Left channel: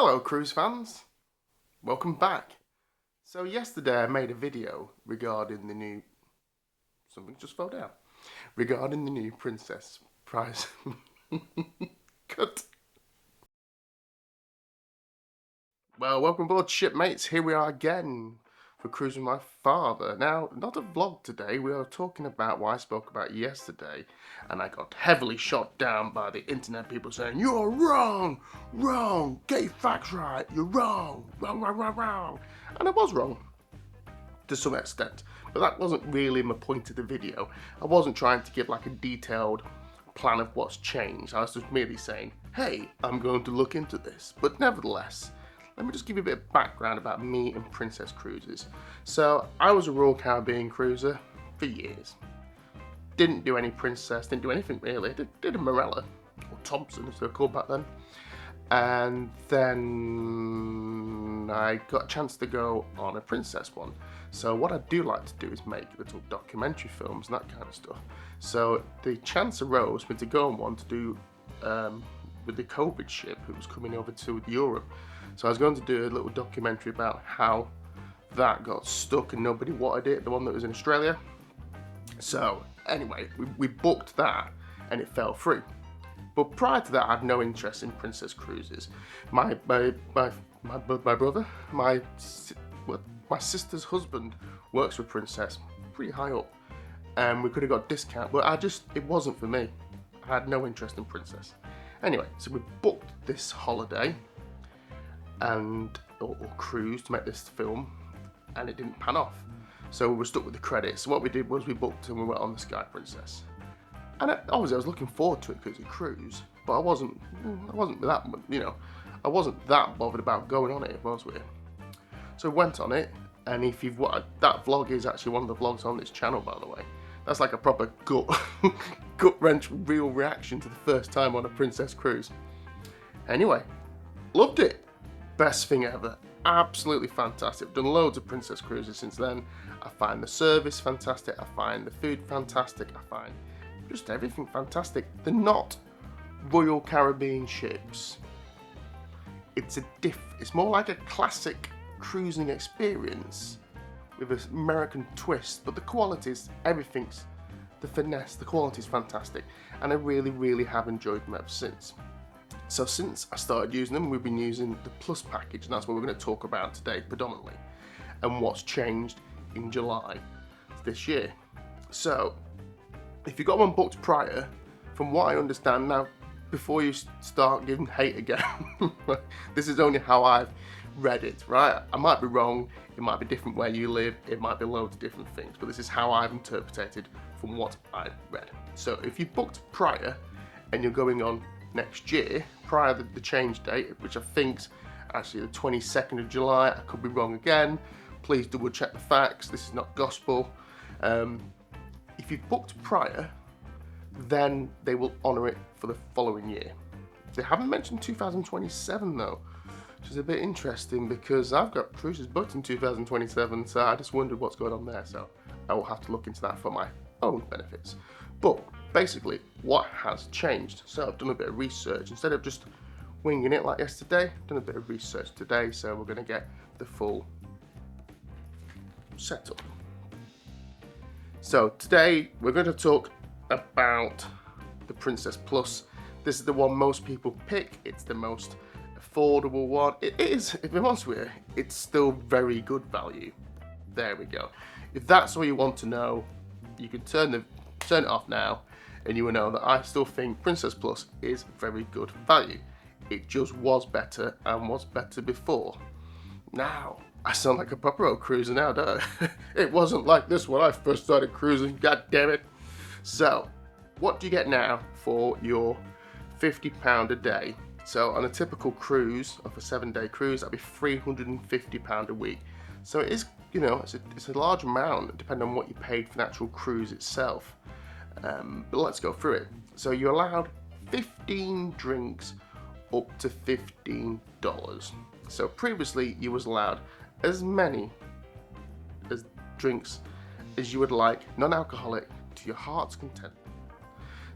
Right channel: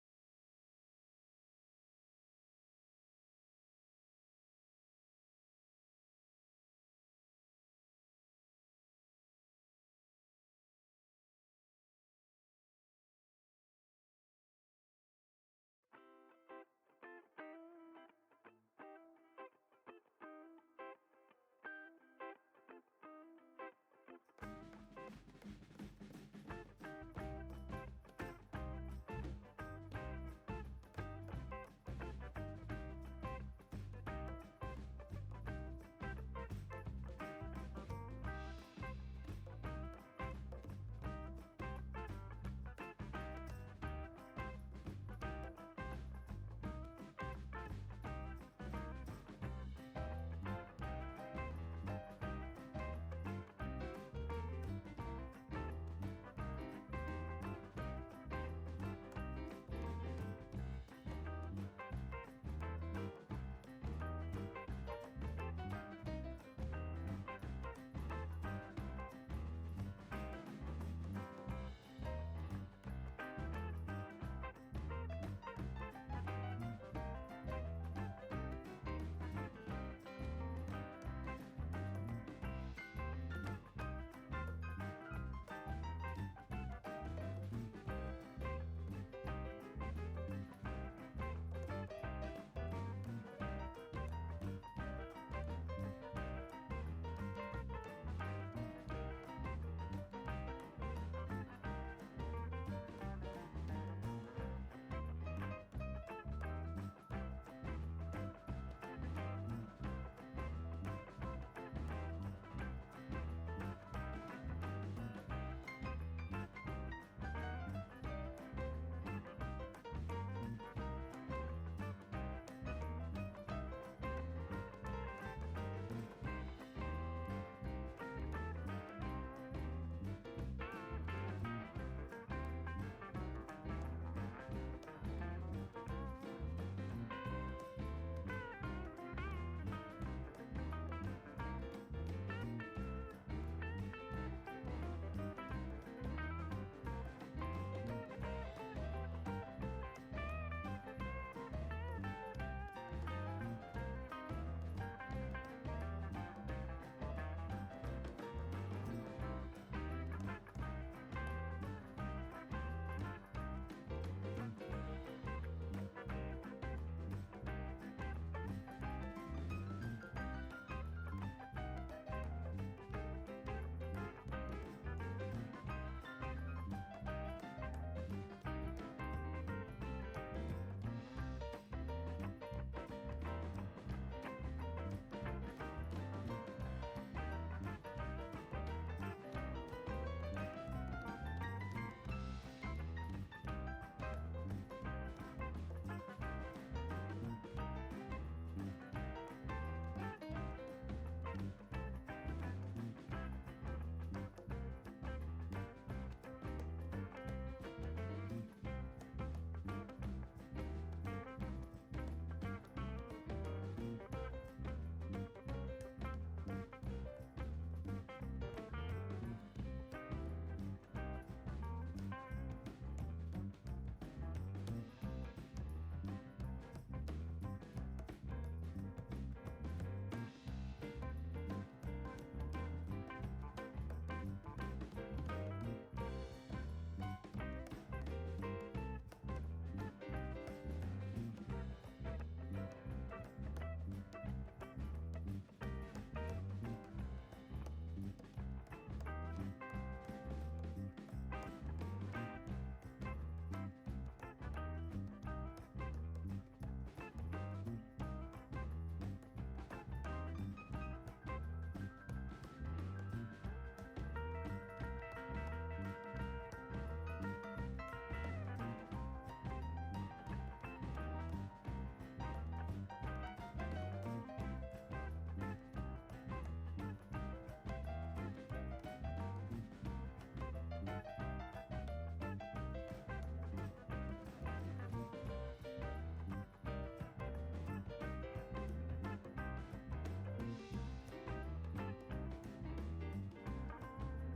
Hello cruise fans, welcome back. So yesterday I made a video regarding the new, something just fell down, regarding the new Princess Prize. Cut. Well, welcome aboard shipmates, here we are again for Cruising My Father. Now, not a vlog today, we are talking about what I spoke about yesterday, and I got heavily shot down by the internet people saying, "You're wrong, wrong, get your facts right, you're wrong, wrong, wrong, wrong, wrong." And I was wrong, to some extent, but that wasn't really my point of the video. I wasn't trying to give like a detailed plan of what's changed, I was just merely saying, hey, I'm going to look into this. But nevertheless, let me just give you a bit of background about me and Princess Cruises. So I was a Royal Caribbean cruiser for years. Didn't do any Princess, didn't do anything really. Did a Morella, or Thompson as they're called back then. And then I got a chance to go on a Princess one. So what I do like to do is make little documentary films and that kind of stuff. So the chance arose for me to go on one to do with the COVID ship that was coming over to Europe. So I was going to do a little documentary about how that got stuck and nobody wanted it, the one that was in Australia. So anyway, we booked that and it fell through. But prior to that, I had no interest in Princess Cruises. My brother, my sister's husband works for Princess, pretty high up, and we could have got a discount, but it wasn't for me. I had no interest in Princess. Anyway, so we booked this holiday or cruise to make this film, and it didn't pan off. So we were stuck with the credits. So what we did was we booked and we went on the Sky Princess. And obviously I was looking forward to it because it's a cruise, but I wasn't that, I wasn't that bothered about going on it, was we? So we went on it, and if you've watched, that vlog is actually one of the vlogs on this channel, by the way. That's like a proper gut wrench real reaction to the first time on a Princess cruise. Anyway, loved it. Best thing ever. Absolutely fantastic. Done loads of Princess cruises since then. I find the service fantastic. I find the food fantastic. I find just everything fantastic. They're not Royal Caribbean ships. It's more like a classic cruising experience with an American twist, but the qualities, everything's, the finesse, the quality's fantastic, and I really, really have enjoyed them ever since. So since I started using them, we've been using the Plus package, and that's what we're going to talk about today predominantly, and what's changed in July this year. So if you got one booked prior, from what I understand now, before you start giving hate again, this is only how I've read it, right? I might be wrong, it might be different where you live, it might be loads of different things, but this is how I've interpreted from what I've read. So if you booked prior and you're going on next year, prior to the change date, which I think's actually the 22nd of July, I could be wrong again, please double check the facts, this is not gospel. If you've booked prior, then they will honour it for the following year. They haven't mentioned 2027 though, which is a bit interesting because I've got cruises booked in 2027, so I just wondered what's going on there, so I will have to look into that for my own benefits. But basically, what has changed? So I've done a bit of research. Instead of just winging it like yesterday, I've done a bit of research today, so we're going to get the full setup. So today we're going to talk about the Princess Plus. This is the one most people pick. It's the most affordable one. It is, if I'm honest with you, it's still very good value. There we go. If that's all you want to know, you can turn it off now, and you will know that I still think Princess Plus is very good value. It just was better and was better before. Now, I sound like a proper old cruiser now, don't I? It wasn't like this when I first started cruising, god damn it. So, what do you get now for your £50 a day? So on a typical cruise, of a 7-day cruise, that'd be £350 a week. So it is, it's a large amount depending on what you paid for the actual cruise itself. But let's go through it. So you're allowed 15 drinks up to $15. So previously you was allowed as many as drinks as you would like, non-alcoholic, to your heart's content.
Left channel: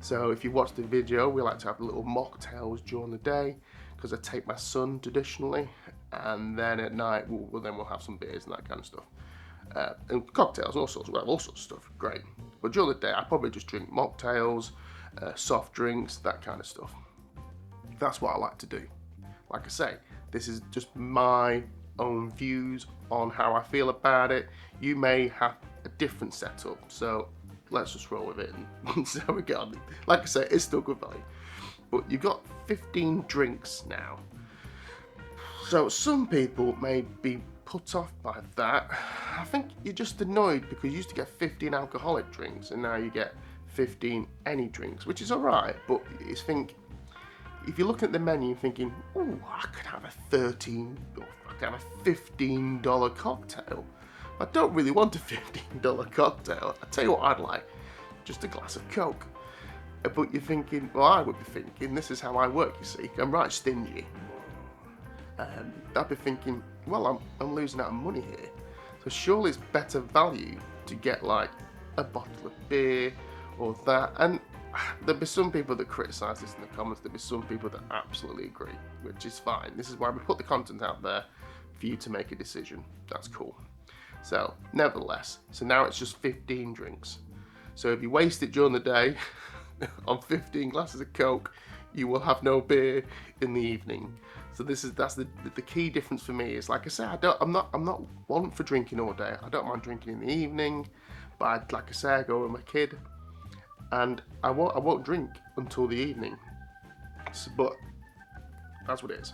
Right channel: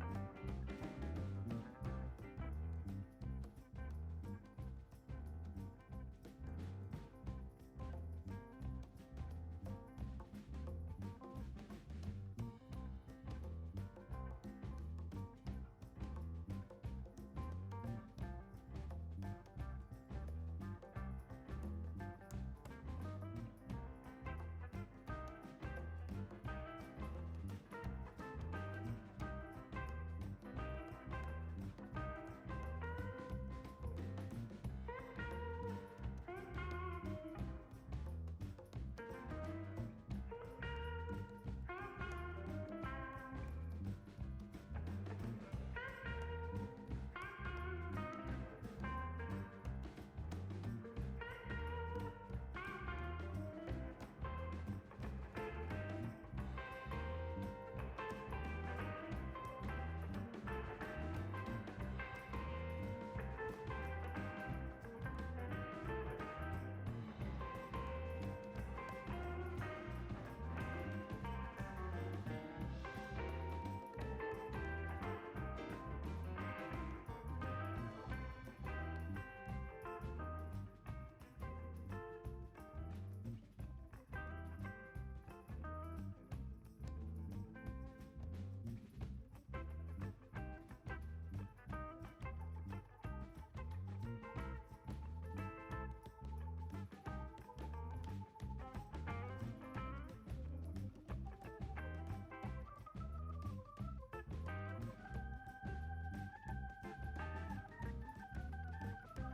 So if you watch the video, we like to have little mocktails during the day, because I take my son traditionally, and then at night we'll have some beers and that kind of stuff. And cocktails, all sorts of stuff, great. But during the day, I probably just drink mocktails, soft drinks, that kind of stuff. That's what I like to do. Like I say, this is just my own views on how I feel about it. You may have a different setup, so let's just roll with it and see how we get on. Like I say, it's still good value. But you've got 15 drinks now. So some people may be put off by that. I think you're just annoyed because you used to get 15 alcoholic drinks and now you get 15 any drinks, which is alright, but you think, if you're looking at the menu thinking, oh, I could have a $15 cocktail. I don't really want a $15 cocktail. I tell you what I'd like, just a glass of Coke. But you're thinking, well, I would be thinking, this is how I work, you see. I'm right stingy. I'd be thinking, well, I'm losing out on money here. So surely it's better value to get like a bottle of beer or that. And there'll be some people that criticise this in the comments. There'll be some people that absolutely agree, which is fine. This is why we put the content out there for you to make a decision. That's cool. So, nevertheless, so now it's just 15 drinks. So if you waste it during the day on 15 glasses of Coke, you will have no beer in the evening. So that's the key difference for me. Is like I say, I'm not one for drinking all day. I don't mind drinking in the evening, but like I say, I go with my kid, and I won't drink until the evening. But that's what it is.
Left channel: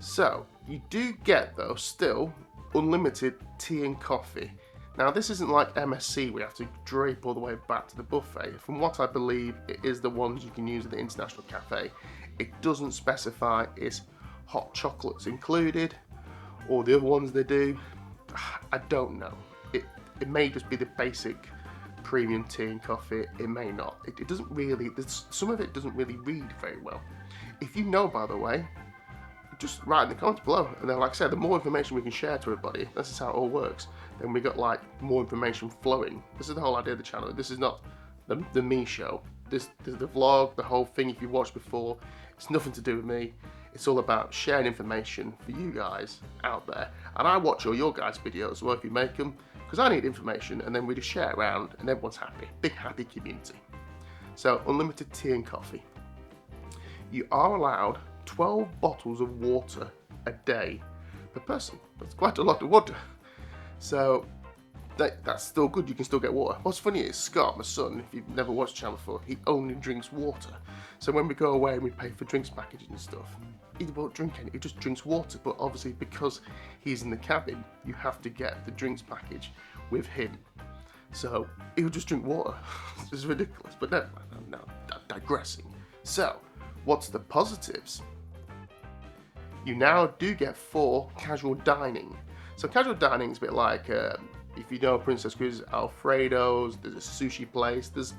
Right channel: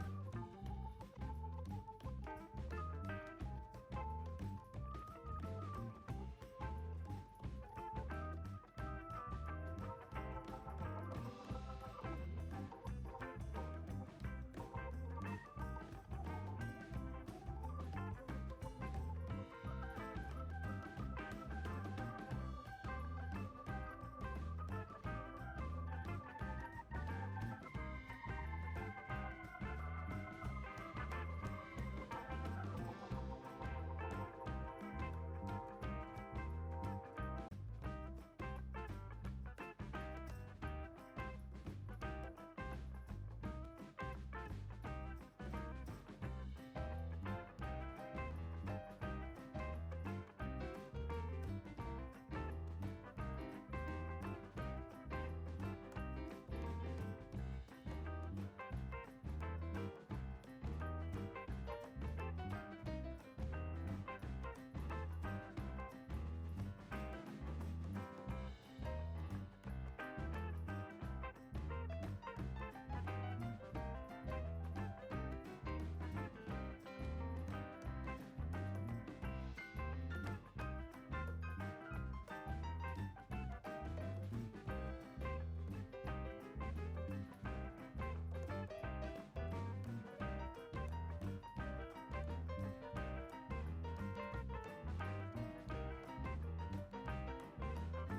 So you do get though still unlimited tea and coffee. Now this isn't like MSC where you have to drape all the way back to the buffet. From what I believe, it is the ones you can use at the International Cafe. It doesn't specify it's hot chocolates included, or the other ones they do. I don't know. It may just be the basic premium tea and coffee. It may not. It doesn't really. Some of it doesn't really read very well. If you know, by the way, just write in the comments below. And then, like I said, the more information we can share to everybody, this is how it all works. And we got like more information flowing. This is the whole idea of the channel. This is not the me show. This is the vlog, the whole thing. If you watched before, it's nothing to do with me. It's all about sharing information for you guys out there. And I watch all your guys' videos as well if you make them, because I need information, and then we just share around and everyone's happy. Big happy community. So unlimited tea and coffee. You are allowed 12 bottles of water a day per person. That's quite a lot of water. So that's still good. You can still get water. What's funny is Scott, my son, if you've never watched the channel before, he only drinks water. So when we go away and we pay for drinks packaging and stuff, he won't drink any, he just drinks water. But obviously because he's in the cabin, you have to get the drinks package with him. So he'll just drink water. It's ridiculous. But no, digressing. So what's the positives? You now do get 4 casual dining. So casual dining is a bit like, if you know Princess Cruises, Alfredo's, there's a sushi place, there's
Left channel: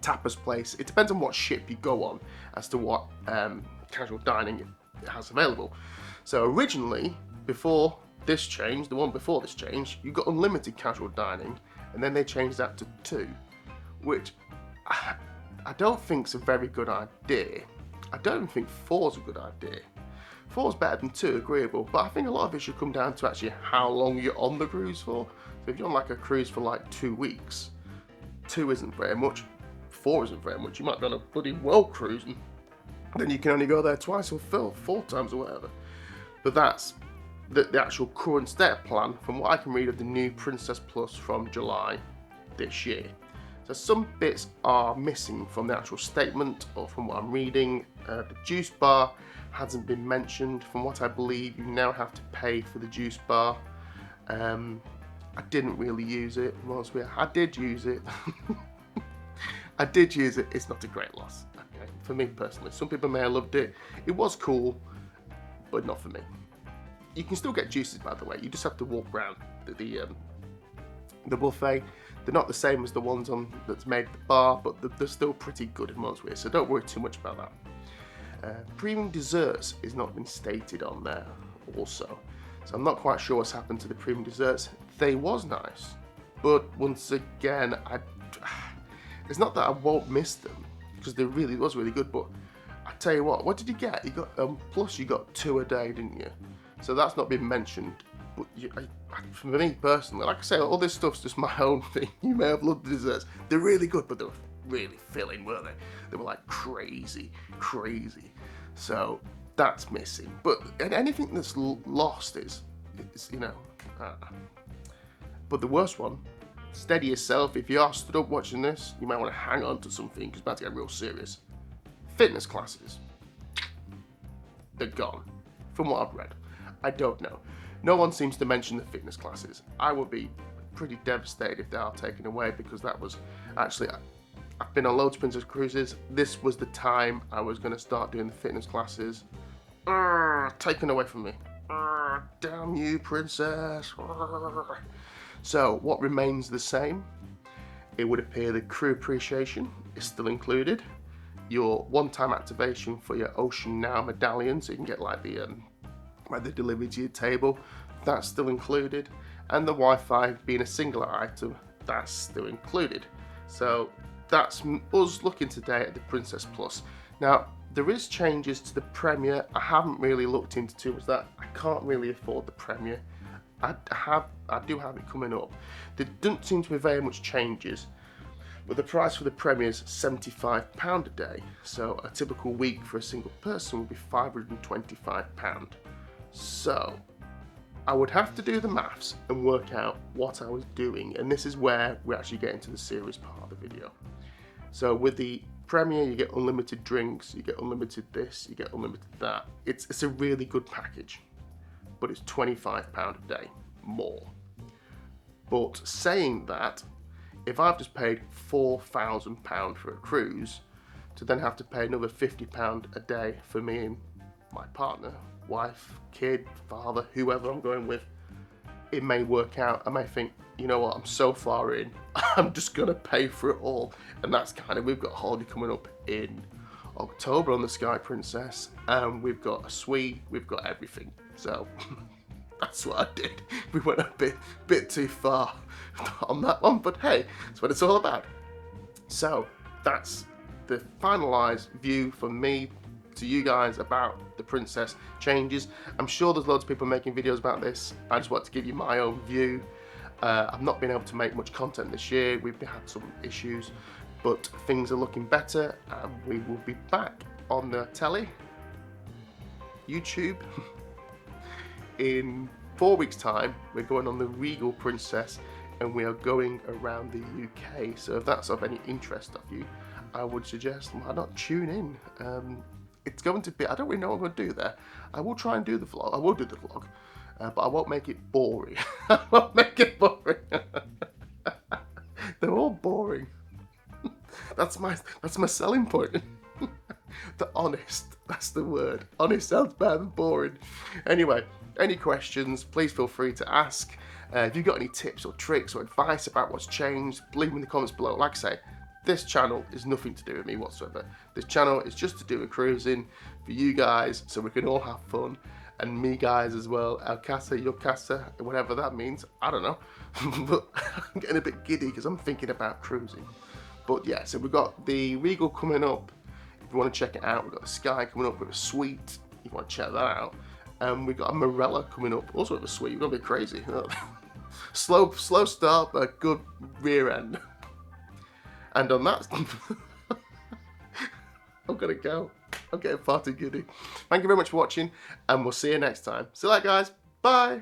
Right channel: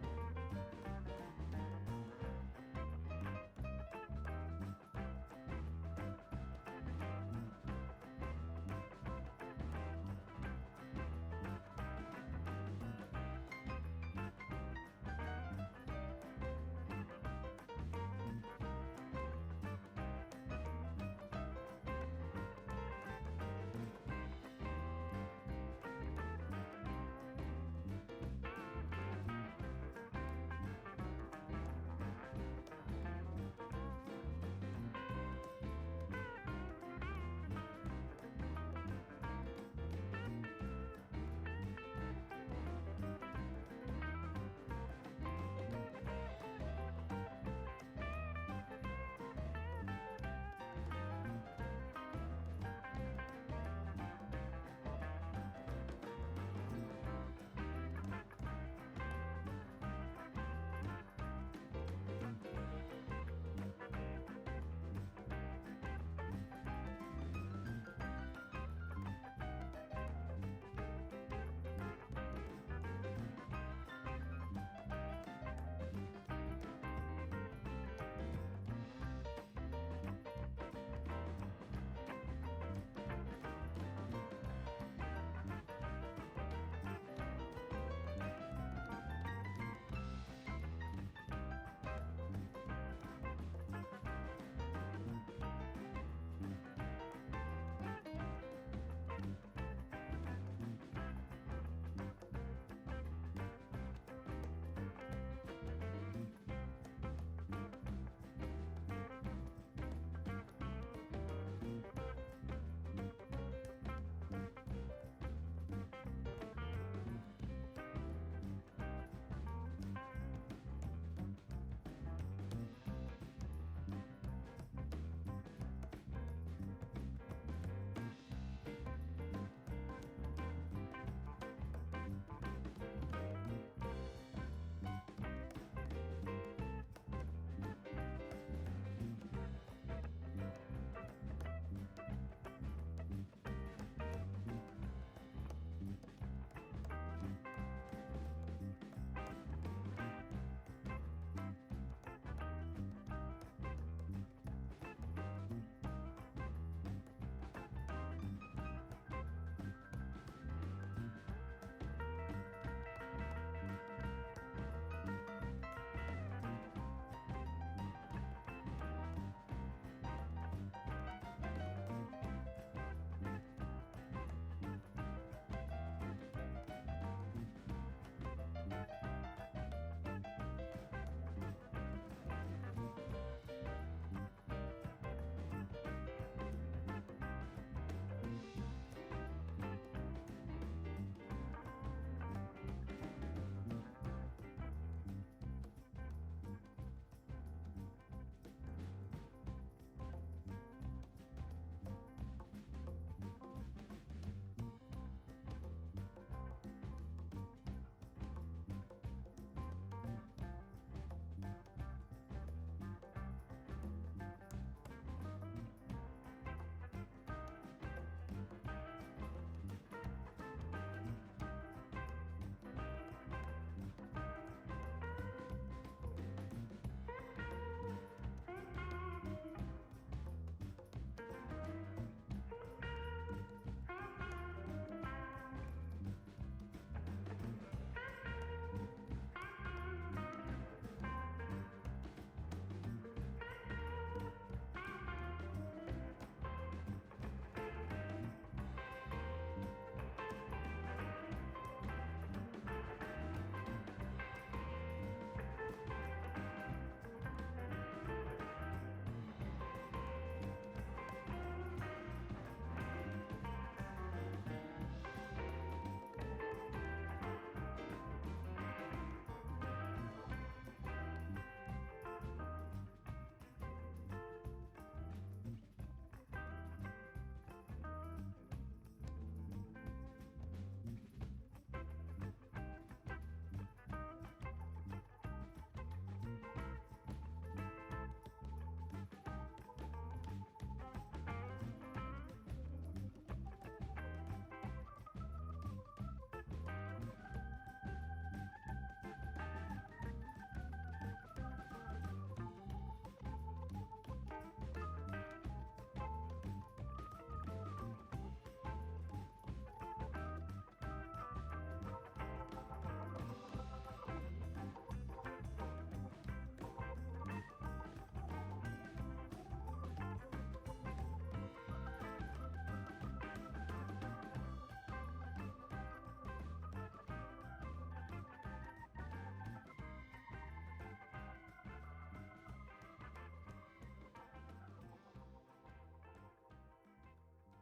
tapas place. It depends on what ship you go on as to what casual dining it has available. So originally, before this change, the one before this change, you got unlimited casual dining, and then they changed that to 2, which I don't think is a very good idea. I don't think 4's a good idea. 4's better than 2, agreeable, but I think a lot of it should come down to actually how long you're on the cruise for. So if you're on like a cruise for like 2 weeks, 2 isn't very much, 4 isn't very much. You might be on a bloody world cruise and then you can only go there twice or 4 times or whatever. But that's the actual current state plan from what I can read of the new Princess Plus from July this year. So some bits are missing from the actual statement or from what I'm reading. The juice bar hasn't been mentioned. From what I believe, you now have to pay for the juice bar. I didn't really use it. I did use it. I did use it. It's not a great loss. Okay. For me personally. Some people may have loved it. It was cool, but not for me. You can still get juices, by the way. You just have to walk around the buffet. They're not the same as the ones that's made at the bar, but they're still pretty good in most ways, so don't worry too much about that. Premium desserts is not been stated on there also, so I'm not quite sure what's happened to the premium desserts. They was nice, but once again, it's not that I won't miss them, because they really was really good, but I tell you what did you get? You got plus you got 2 a day, didn't you? So that's not been mentioned. But for me personally, like I say, all this stuff's just my own thing. You may have loved the desserts. They're really good, but they were really filling, weren't they? They were like crazy. So that's missing. But anything that's lost is you know. But the worst one, steady yourself. If you are stood up watching this, you might want to hang on to something because it's about to get real serious. Fitness classes. They're gone. From what I've read. I don't know. No one seems to mention the fitness classes. I would be pretty devastated if they are taken away, because that was actually, I've been on loads of Princess Cruises. This was the time I was going to start doing the fitness classes. Taken away from me. Damn you, Princess. So what remains the same? It would appear the crew appreciation is still included. Your one-time activation for your Ocean Now medallion, so you can get like the where they deliver to your table, that's still included. And the Wi-Fi being a singular item, that's still included. So that's us looking today at the Princess Plus. Now, there is changes to the Premier. I haven't really looked into too much that. I can't really afford the Premier. I do have it coming up. There doesn't seem to be very much changes, but the price for the Premier is £75 a day. So a typical week for a single person would be £525. So I would have to do the maths and work out what I was doing, and this is where we actually get into the serious part of the video. So with the Premier, you get unlimited drinks, you get unlimited this, you get unlimited that. It's a really good package, but it's £25 a day more. But saying that, if I've just paid £4,000 for a cruise, to then have to pay another £50 a day for me and my partner, wife, kid, father, whoever I'm going with, it may work out. I may think, you know what, I'm so far in, I'm just gonna pay for it all. And that's kind of, we've got a holiday coming up in October on the Sky Princess, and we've got a suite, we've got everything. So that's what I did. We went a bit too far on that one, but hey, that's what it's all about. So that's the finalised view from me to you guys about the Princess changes. I'm sure there's loads of people making videos about this. I just want to give you my own view. I've not been able to make much content this year. We've had some issues, but things are looking better, and we will be back on the telly, YouTube, in 4 weeks' time. We're going on the Regal Princess, and we are going around the UK. So if that's of any interest of you, I would suggest why not tune in. It's going to be, I don't really know what I'm going to do there. I will try and do the vlog. I will do the vlog, but I won't make it boring. I won't make it boring. They're all boring. That's my selling point. The honest, that's the word. Honest sounds better than boring. Anyway, any questions, please feel free to ask. If you've got any tips or tricks or advice about what's changed, leave them in the comments below. Like I say, this channel is nothing to do with me whatsoever. This channel is just to do with cruising for you guys, so we can all have fun, and me guys as well. El casa, your casa, whatever that means. I don't know. But I'm getting a bit giddy because I'm thinking about cruising. But yeah, so we've got the Regal coming up. If you want to check it out, we've got the Sky coming up with a suite. If you want to check that out. We've got a Marella coming up, also with a suite. We're going to be crazy. Slow start, but a good rear end. And on that, I'm gonna go. I'm getting far too giddy. Thank you very much for watching, and we'll see you next time. See you later, guys. Bye.